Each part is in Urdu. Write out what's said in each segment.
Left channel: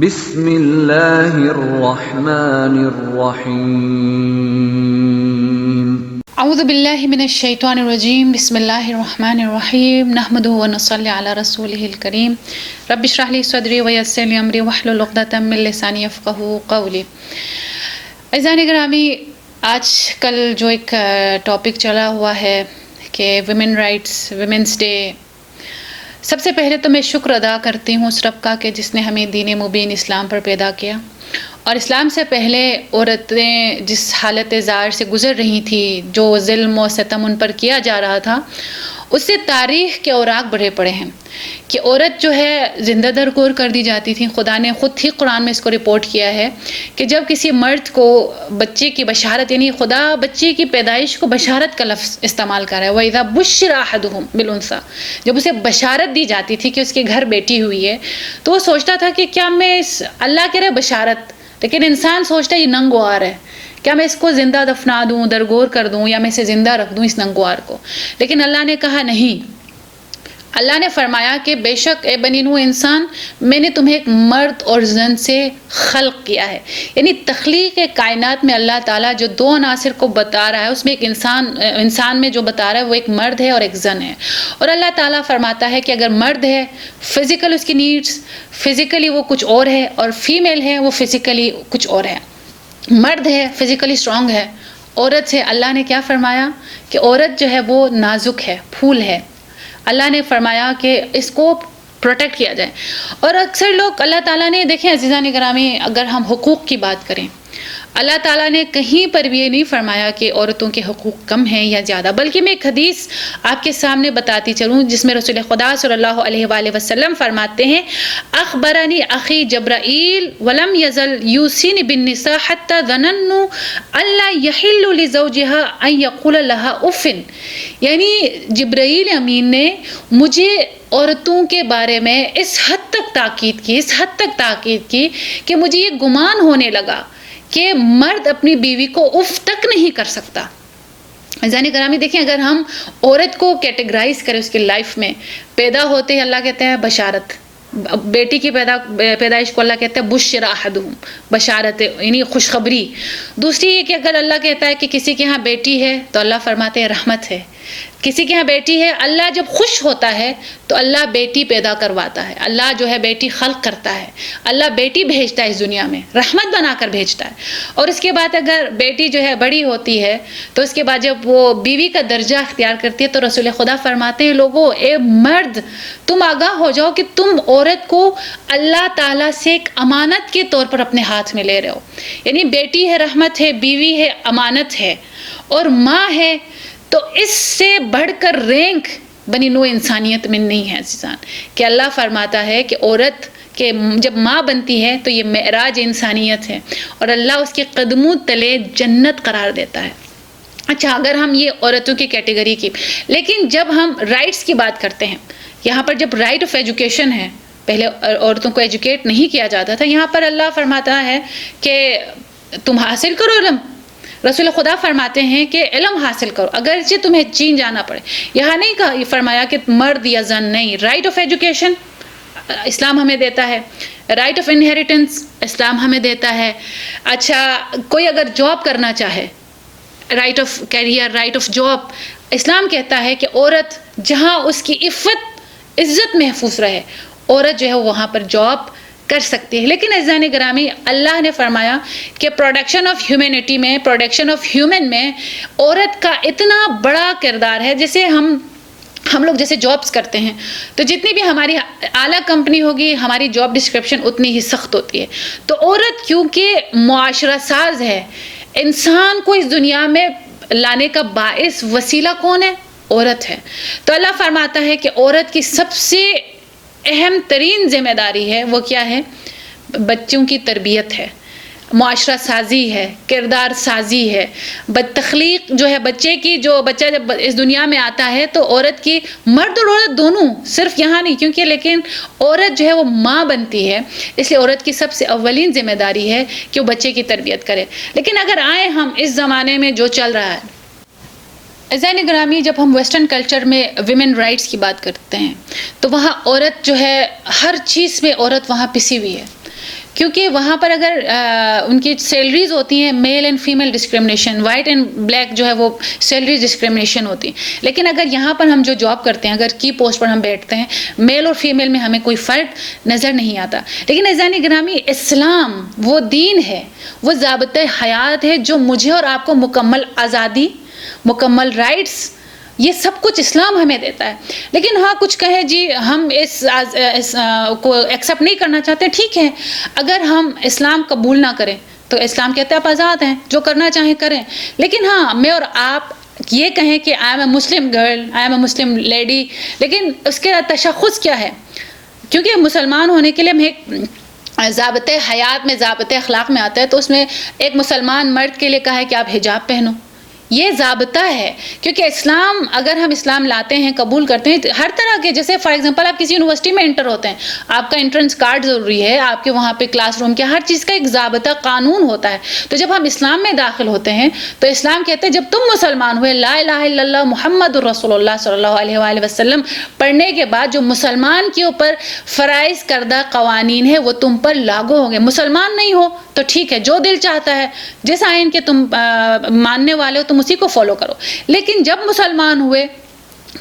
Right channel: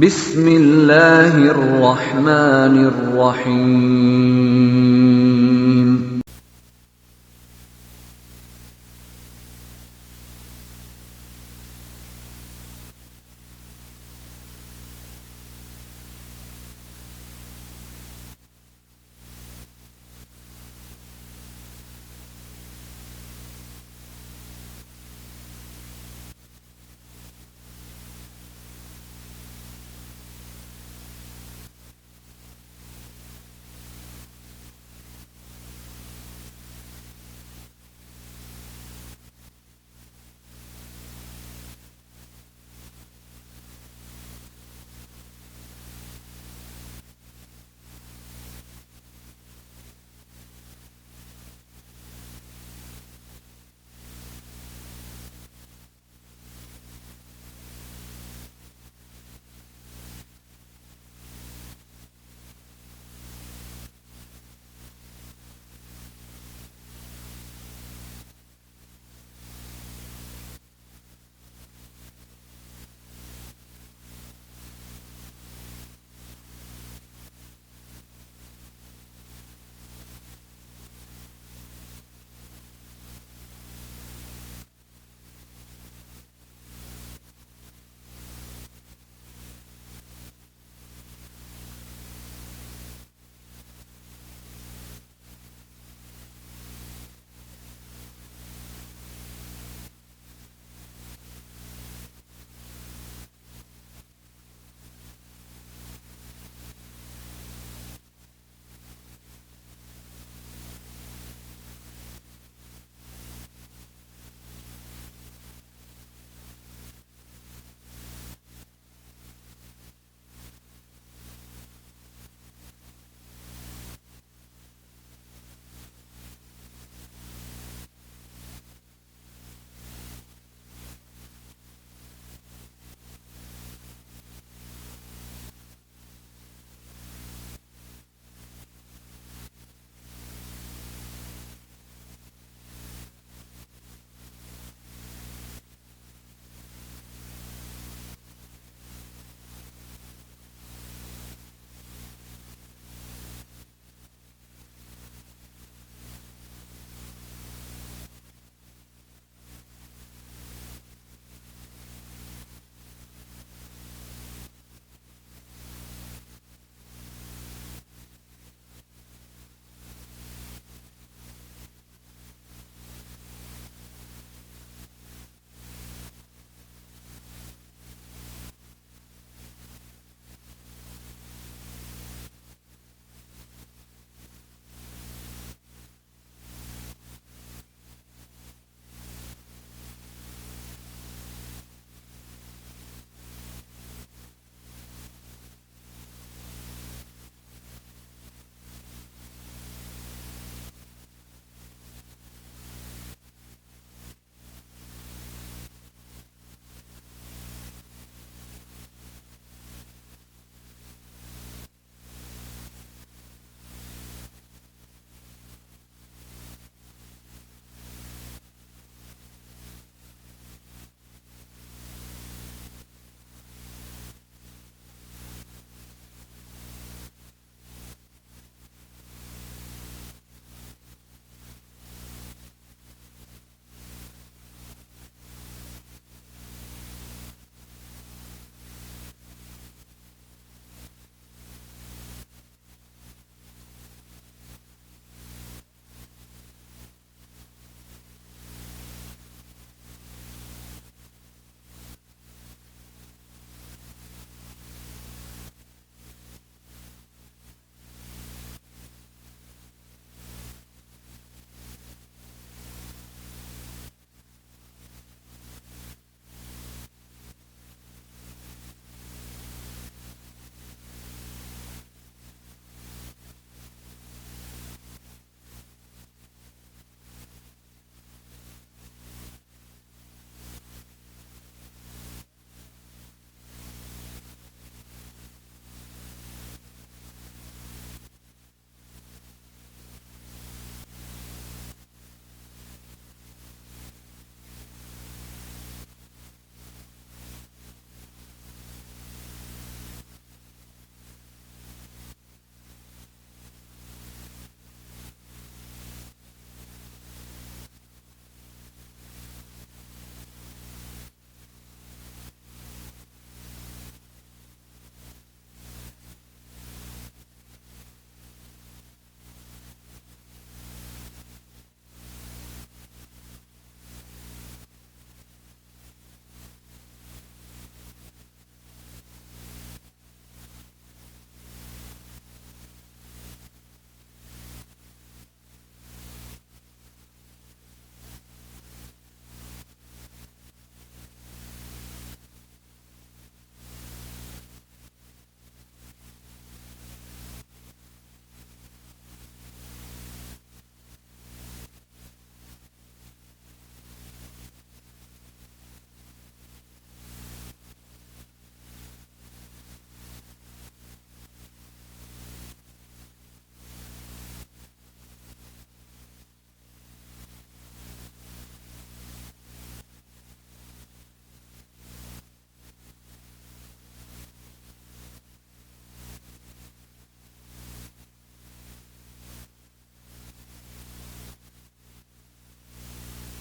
بسم اللہ الرحمن الرحیم اعوذ باللہ من الشیطان الرجیم بسم اللہ الرحمن الرحیم نحمدہ ونصلی علی رسولہ الکریم رب اشرح لی صدری ویسر لی امری واحلل عقدۃ من لسانی یفقہوا قولی۔ عزیزان گرامی، آج کل جو ایک ٹاپک چلا ہوا ہے کہ ویمن رائٹس، ویمنس ڈے، سب سے پہلے تو میں شکر ادا کرتی ہوں اس رب کا کہ جس نے ہمیں دین مبین اسلام پر پیدا کیا، اور اسلام سے پہلے عورتیں جس حالت زار سے گزر رہی تھیں، جو ظلم و ستم ان پر کیا جا رہا تھا، اس سے تاریخ کے اوراق بڑھے پڑے ہیں کہ عورت جو ہے زندہ درگور کر دی جاتی تھی۔ خدا نے خود ہی قرآن میں اس کو رپورٹ کیا ہے کہ جب کسی مرد کو بچے کی بشارت، یعنی خدا بچے کی پیدائش کو بشارت کا لفظ استعمال کر رہا ہے، وَإِذَا بُشِّرَ أَحَدُهُمْ بِالْأُنثَىٰ، جب اسے بشارت دی جاتی تھی کہ اس کے گھر بیٹی ہوئی ہے، تو وہ سوچتا تھا کہ کیا میں اللہ کہہ رہے بشارت، لیکن انسان سوچتا ہے یہ ننگوار ہے، کیا میں اس کو زندہ دفنا دوں، درگور کر دوں، یا میں اسے زندہ رکھ دوں اس ننگوار کو؟ لیکن اللہ نے کہا نہیں۔ اللہ نے فرمایا کہ بے شک اے بنی نوح انسان، میں نے تمہیں ایک مرد اور زن سے خلق کیا ہے۔ یعنی تخلیق کائنات میں اللہ تعالیٰ جو دو عناصر کو بتا رہا ہے، اس میں ایک انسان میں جو بتا رہا ہے وہ ایک مرد ہے اور ایک زن ہے۔ اور اللہ تعالیٰ فرماتا ہے کہ اگر مرد ہے، فزیکل اس کی نیڈس، فزیکلی وہ کچھ اور ہے، اور فیمیل ہے وہ فزیکلی کچھ اور ہے۔ مرد ہے فزیکلی اسٹرانگ ہے، عورت سے اللہ نے کیا فرمایا کہ عورت جو ہے وہ نازک ہے، پھول ہے۔ اللہ نے فرمایا کہ اس کو پروٹیکٹ کیا جائے۔ اور اکثر لوگ اللہ تعالیٰ نے، دیکھیں عزیزان گرامی، اگر ہم حقوق کی بات کریں، اللہ تعالیٰ نے کہیں پر بھی یہ نہیں فرمایا کہ عورتوں کے حقوق کم ہیں یا زیادہ، بلکہ میں ایک حدیث آپ کے سامنے بتاتی چلوں جس میں رسول خدا صلی اللہ علیہ وآلہ وسلم فرماتے ہیں، اخبرنی اخی جبرائیل ولم یزل یوصینی بالنساء حتی ظننت الا یحل لزوجها ان یقول لها اف۔ یعنی جبرائیل امین نے مجھے عورتوں کے بارے میں اس حد تک تاکید کی کہ مجھے یہ گمان ہونے لگا کہ مرد اپنی بیوی کو اف تک نہیں کر سکتا۔ عزیزان گرامی، دیکھیں اگر ہم عورت کو کیٹیگرائز کریں اس کی لائف میں، پیدا ہوتے ہی اللہ کہتا ہے بشارت، بیٹی کی پیدائش کو اللہ کہتا ہے بشر احدہم، بشارت یعنی خوشخبری۔ دوسری یہ کہ اگر اللہ کہتا ہے کہ کسی کے ہاں بیٹی ہے تو اللہ فرماتے ہیں رحمت ہے، کسی کے ہاں بیٹی ہے، اللہ جب خوش ہوتا ہے تو اللہ بیٹی پیدا کرواتا ہے، اللہ جو ہے بیٹی خلق کرتا ہے، اللہ بیٹی بھیجتا ہے اس دنیا میں، رحمت بنا کر بھیجتا ہے۔ اور اس کے بعد اگر بیٹی جو ہے بڑی ہوتی ہے تو اس کے بعد جب وہ بیوی کا درجہ اختیار کرتی ہے تو رسول خدا فرماتے ہیں، لوگوں اے مرد تم آگاہ ہو جاؤ کہ تم عورت کو اللہ تعالیٰ سے ایک امانت کے طور پر اپنے ہاتھ میں لے رہے ہو۔ یعنی بیٹی ہے رحمت ہے، بیوی ہے امانت ہے، اور ماں ہے، تو اس سے بڑھ کر رینک بنی نوع انسانیت میں نہیں ہے عزیزان، کہ اللہ فرماتا ہے کہ عورت کہ جب ماں بنتی ہے تو یہ معراج انسانیت ہے، اور اللہ اس کے قدموں تلے جنت قرار دیتا ہے۔ اچھا، اگر ہم یہ عورتوں کی کیٹیگری کی، لیکن جب ہم رائٹس کی بات کرتے ہیں، یہاں پر جب رائٹ آف ایجوکیشن ہے، پہلے عورتوں کو ایجوکیٹ نہیں کیا جاتا تھا، یہاں پر اللہ فرماتا ہے کہ تم حاصل کرو علم۔ رسول خدا فرماتے ہیں کہ علم حاصل کرو اگرچہ تمہیں چین جانا پڑے۔ یہاں نہیں کہا، فرمایا کہ مرد یا زن نہیں، رائٹ آف ایجوکیشن اسلام ہمیں دیتا ہے، رائٹ آف انہیریٹنس اسلام ہمیں دیتا ہے۔ اچھا، کوئی اگر جاب کرنا چاہے، right of career, right of job, اسلام کہتا ہے کہ عورت جہاں اس کی عزت محفوظ رہے، عورت جو ہے وہاں پر جاب کر سکتی ہے۔ لیکن عزیزان گرامی، اللہ نے فرمایا کہ پروڈکشن آف ہیومینٹی میں، پروڈکشن آف ہیومن میں عورت کا اتنا بڑا کردار ہے۔ جیسے ہم لوگ جیسے جابس کرتے ہیں تو جتنی بھی ہماری اعلیٰ کمپنی ہوگی، ہماری جاب ڈسکرپشن اتنی ہی سخت ہوتی ہے۔ تو عورت کیونکہ معاشرہ ساز ہے، انسان کو اس دنیا میں لانے کا باعث وسیلہ کون ہے؟ عورت ہے۔ تو اللہ فرماتا ہے کہ عورت کی سب سے اہم ترین ذمہ داری ہے، وہ کیا ہے؟ بچوں کی تربیت ہے، معاشرہ سازی ہے، کردار سازی ہے، تخلیق جو ہے بچے کی، جو بچہ جب اس دنیا میں آتا ہے تو عورت کی، مرد اور عورت دونوں، صرف یہاں نہیں، کیونکہ لیکن عورت جو ہے وہ ماں بنتی ہے، اس لیے عورت کی سب سے اولین ذمہ داری ہے کہ وہ بچے کی تربیت کرے۔ لیکن اگر آئیں ہم اس زمانے میں جو چل رہا ہے، عزیزان گرامی، جب ہم ویسٹرن کلچر میں ویمن رائٹس کی بات کرتے ہیں تو وہاں عورت جو ہے ہر چیز میں عورت وہاں پسی ہوئی ہے۔ کیونکہ وہاں پر اگر ان کی سیلریز ہوتی ہیں male and female discrimination, white and black جو ہے وہ سیلری ڈسکرمنیشن ہوتی. لیکن اگر یہاں پر ہم جو جاب کرتے ہیں، اگر کی پوسٹ پر ہم بیٹھتے ہیں، میل اور فیمیل میں ہمیں کوئی فرق نظر نہیں آتا. لیکن عزیزان گرامی، اسلام وہ دین ہے، وہ ضابطۂ حیات ہے جو مجھے اور آپ کو مکمل آزادی، مکمل رائٹس، یہ سب کچھ اسلام ہمیں دیتا ہے. لیکن ہاں کچھ کہیں جی ہم اس کو ایکسیپٹ نہیں کرنا چاہتے، ٹھیک ہے. اگر ہم اسلام قبول نہ کریں تو اسلام کہتے ہیں آپ آزاد ہیں، جو کرنا چاہیں کریں. لیکن ہاں میں اور آپ یہ کہیں کہ I am a Muslim girl, I am a Muslim lady, لیکن اس کے تشخص کیا ہے؟ کیونکہ مسلمان ہونے کے لیے ہم ایک ضابطۂ حیات میں، ضابطۂ اخلاق میں آتا ہے، تو اس میں ایک مسلمان مرد کے لیے کہا ہے کہ آپ حجاب پہنو. یہ ضابطہ ہے. کیونکہ اسلام، اگر ہم اسلام لاتے ہیں، قبول کرتے ہیں، ہر طرح کے، جیسے فار ایگزامپل آپ کسی یونیورسٹی میں انٹر ہوتے ہیں، آپ کا انٹرنس کارڈ ضروری ہے، آپ کے وہاں پہ کلاس روم کے ہر چیز کا ایک ضابطہ قانون ہوتا ہے. تو جب ہم اسلام میں داخل ہوتے ہیں تو اسلام کہتے ہیں جب تم مسلمان ہوئے، لا الہ الا اللہ محمد الرسول اللہ صلی اللہ علیہ وآلہ وسلم پڑھنے کے بعد جو مسلمان کے اوپر فرائض کردہ قوانین ہیں وہ تم پر لاگو ہوں گے. مسلمان نہیں ہو تو ٹھیک ہے، جو دل چاہتا ہے، جس آئین کے تم ماننے والے ہو تم اسی کو فالو کرو. لیکن جب مسلمان ہوئے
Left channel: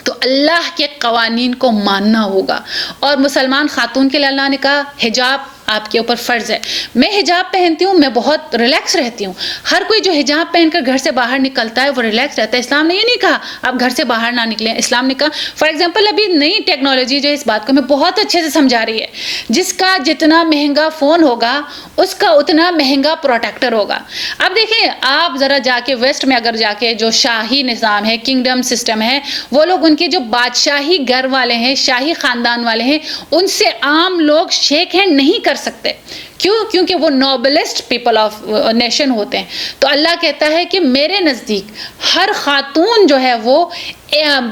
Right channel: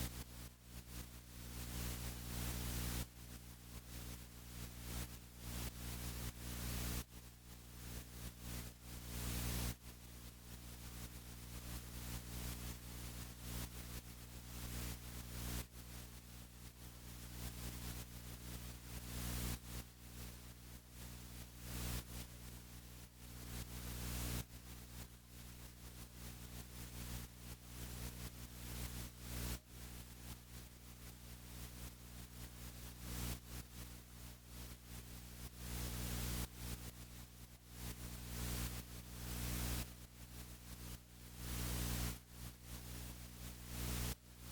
تو اللہ کے قوانین کو ماننا ہوگا. اور مسلمان خاتون کے لیے اللہ نے کہا حجاب آپ کے اوپر فرض ہے. میں حجاب پہنتی ہوں، میں بہت ریلیکس رہتی ہوں. ہر کوئی جو حجاب پہن کر گھر سے باہر نکلتا ہے وہ ریلیکس رہتا ہے. اسلام نے یہ نہیں کہا آپ گھر سے باہر نہ نکلیں. اسلام نے کہا فار ایگزامپل ابھی نئی ٹیکنالوجی جو اس بات کو ہمیں بہت اچھے سے سمجھا رہی ہے، جس کا جتنا مہنگا فون ہوگا اس کا اتنا مہنگا پروٹیکٹر ہوگا. اب دیکھیں آپ ذرا جا کے ویسٹ میں اگر جا کے جو شاہی نظام ہے، کنگڈم سسٹم ہے، وہ لوگ ان کے جو بادشاہی گھر والے ہیں، شاہی خاندان والے ہیں، ان سے عام لوگ شیک ہینڈ نہیں کر سکتے. کیوں؟ کیونکہ وہ نوبلسٹ پیپل آف نیشن ہوتے ہیں. تو اللہ کہتا ہے کہ میرے نزدیک ہر خاتون جو ہے وہ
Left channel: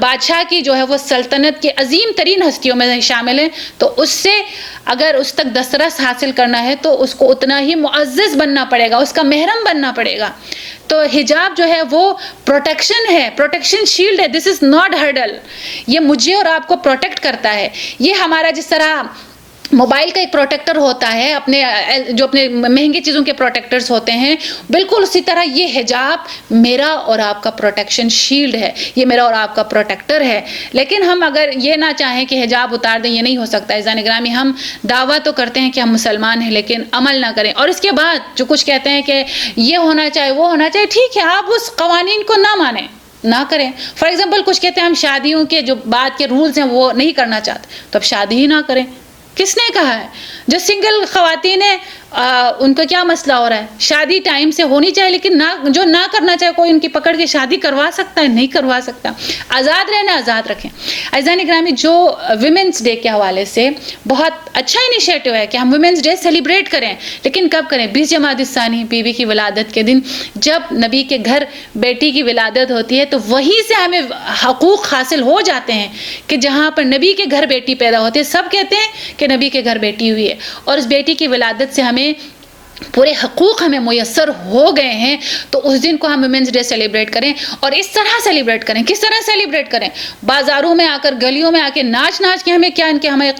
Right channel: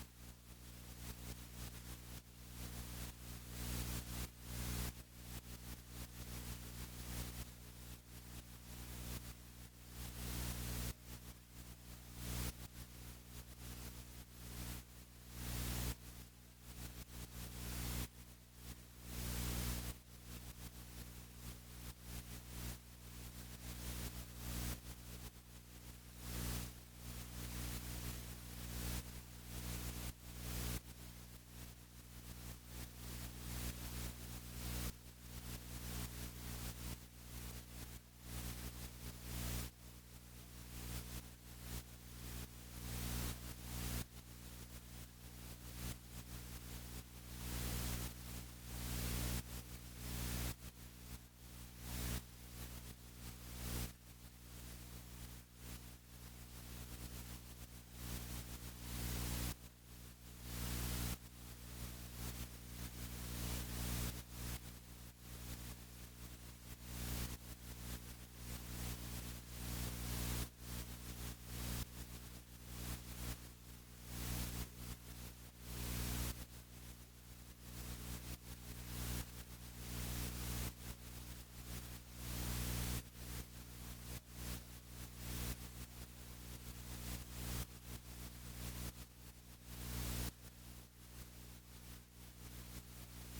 بادشاہ کی جو ہے وہ سلطنت کی عظیم ترین ہستیوں میں شامل ہے. تو اس سے اگر اس تک دسترس حاصل کرنا ہے تو اس کو اتنا ہی معزز بننا پڑے گا، اس کا محرم بننا پڑے گا. تو حجاب جو ہے وہ پروٹیکشن ہے، پروٹیکشن شیلڈ ہے. دس از ناٹ ہرڈل. یہ مجھے اور آپ کو پروٹیکٹ کرتا ہے. یہ ہمارا جس طرح موبائل کا ایک پروٹیکٹر ہوتا ہے، اپنے جو اپنے مہنگی چیزوں کے پروٹیکٹرز ہوتے ہیں، بالکل اسی طرح یہ حجاب میرا اور آپ کا پروٹیکشن شیلڈ ہے، یہ میرا اور آپ کا پروٹیکٹر ہے. لیکن ہم اگر یہ نہ چاہیں کہ حجاب اتار دیں، یہ نہیں ہو سکتا. عزیزان گرامی، ہم دعویٰ تو کرتے ہیں کہ ہم مسلمان ہیں لیکن عمل نہ کریں. اور اس کے بعد جو کچھ کہتے ہیں کہ یہ ہونا چاہیے، وہ ہونا چاہیے، ٹھیک ہے، آپ اس قوانین کو نہ مانیں، نہ کریں. فار ایگزامپل کچھ کہتے ہیں ہم شادیوں کے جو بعد کے رولز ہیں وہ نہیں کرنا چاہتے، تو اب شادی ہی نہ کریں. کس نے کہا ہے؟ جو سنگل خواتین ہیں ان کا کیا مسئلہ ہو رہا ہے؟ شادی ٹائم سے ہونی چاہیے، لیکن جو نہ کرنا چاہے کوئی ان کی پکڑ کے شادی کروا سکتا ہے؟ نہیں کروا سکتا. آزاد رہنا، آزاد رکھیں. عزیزان گرامی، جو ویمنس ڈے کے حوالے سے بہت اچھا انیشیٹو ہے کہ ہم ویمنس ڈے سیلیبریٹ کریں. لیکن کب کریں؟ 20 جمادی الثانی، بیوی کی ولادت کے دن، جب نبی کے گھر بیٹی کی ولادت ہوتی ہے تو وہیں سے ہمیں حقوق حاصل ہو جاتے ہیں کہ جہاں پر نبی کے گھر بیٹی پیدا ہوتی ہے. سب کہتے ہیں کہ نبی کے گھر بیٹی ہوئی ہے، اور اس بیٹی کی ولادت سے ہمیں پورے حقوق ہمیں میسر ہو گئے ہیں. تو اس دن کو ہم ویمنس ڈے سیلیبریٹ کریں، اور اس طرح سیلیبریٹ کریں. کس طرح سیلیبریٹ کریں؟ بازاروں میں آ کر، گلیوں میں آ کے ناچ ناچ کے ہمیں کیا ان کے ہمیں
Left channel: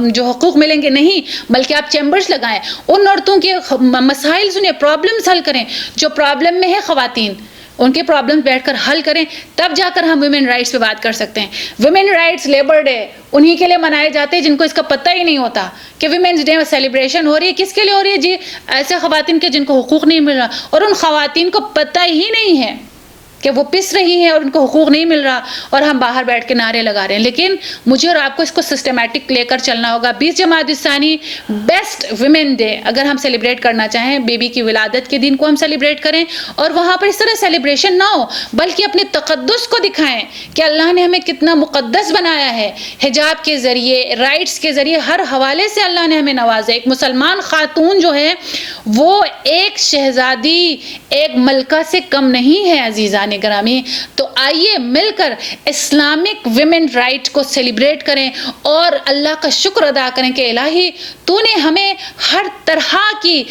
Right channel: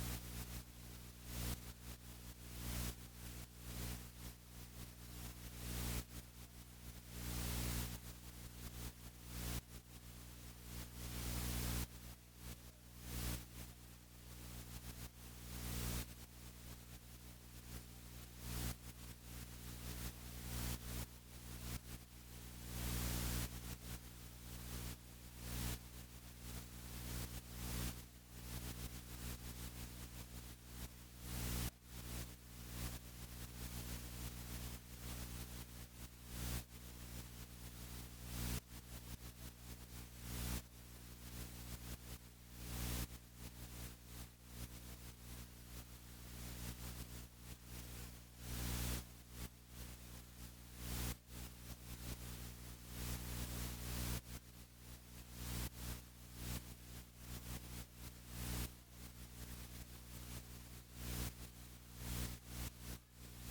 جو حقوق ملیں گے؟ نہیں. بلکہ آپ چیمبرز لگائیں، ان عورتوں کے مسائل سنیں، پرابلمز حل کریں. جو پرابلم میں ہے خواتین، ان کے پرابلم بیٹھ کر حل کریں، تب جا کر ہم ویمن رائٹس پہ بات کر سکتے ہیں. ویمن رائٹس لیبر ڈے انہی کے لیے منائے جاتے ہیں جن کو اس کا پتہ ہی نہیں ہوتا کہ ویمنس ڈے میں سیلیبریشن ہو رہی ہے. کس کے لیے ہو رہی ہے جی؟ ایسے خواتین کے جن کو حقوق نہیں مل رہا، اور ان خواتین کو پتہ ہی نہیں ہے کہ وہ پس رہی ہیں اور ان کو حقوق نہیں مل رہا، اور ہم باہر بیٹھ کے نعرے لگا رہے ہیں. لیکن مجھے اور آپ کو اس کو سسٹمیٹک لے کر چلنا ہوگا. 20 جمادی الثانی بیسٹ ویمن ڈے اگر ہم سیلیبریٹ کرنا چاہیں، بیبی کی ولادت کے دن کو ہم سیلیبریٹ کریں، اور وہاں پر اس طرح سیلیبریشن نہ ہو بلکہ اپنے تقدس کو دکھائیں کہ اللہ نے ہمیں کتنا مقدس بنایا ہے. حجاب کے ذریعے، رائٹس کے ذریعے، ہر حوالے سے اللہ نے ہمیں نوازا. ایک مسلمان خاتون جو ہے وہ ایک شہزادی ایک ملکہ سے کم نہیں ہے عزیزان گرامی. تو آئیے مل کر اسلامک ویمن رائٹ کو سیلیبریٹ کریں اور اللہ کا شکر ادا کریں کہ الہی تو نے ہمیں ہر طرح کی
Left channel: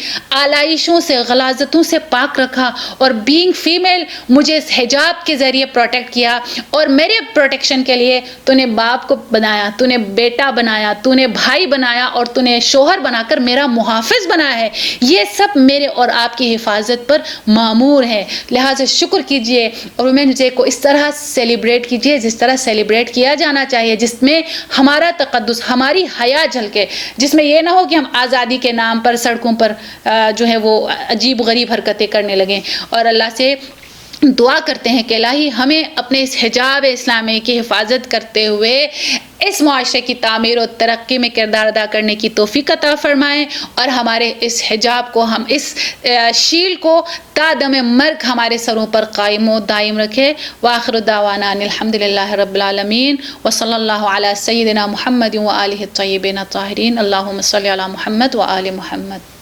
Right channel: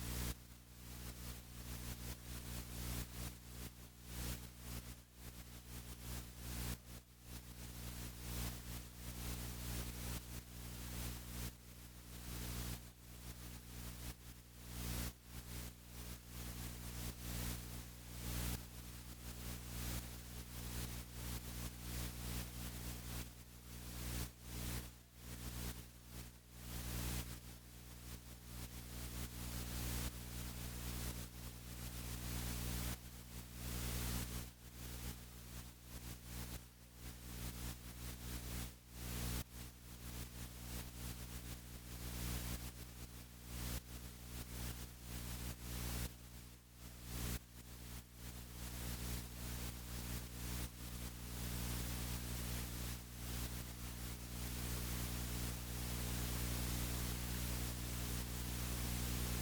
آلائشوں سے غلاظتوں سے پاک رکھا اور بینگ فیمیل مجھے اس حجاب کے ذریعے پروٹیکٹ کیا اور میرے پروٹیکشن کے لیے تو نے باپ کو بنایا, تو نے بیٹا بنایا, تو نے بھائی بنایا اور تو نے شوہر بنا کر میرا محافظ بنایا ہے. یہ سب میرے اور آپ کی حفاظت پر معمور ہے. لہٰذا شکر کیجئے اور ویمنز ڈے کو اس طرح سیلیبریٹ کیجئے جس طرح سیلیبریٹ کیا جانا چاہیے, جس میں ہمارا تقدس, ہماری حیا جھلکے, جس میں یہ نہ ہو کہ ہم آزادی کے نام پر سڑکوں پر جو ہے وہ عجیب غریب حرکتیں کرنے لگیں. اور اللہ سے دعا کرتے ہیں کہ الہی ہمیں اپنے اس حجاب اسلامی کی حفاظت کرتے ہوئے اس معاشرے کی تعمیر و ترقی میں کردار ادا کرنے کی توفیق عطا فرمائیں اور ہمارے اس حجاب کو, ہم اس شیل کو تا دم مرگ ہمارے سروں پر قائم و دائم رکھے. وآخر دعوانا ان الحمدللہ رب العالمین وصلی اللہ علی سیدنا محمد وآلہ الطیبین الطاہرین. اللہم صلی علی محمد وآل محمد.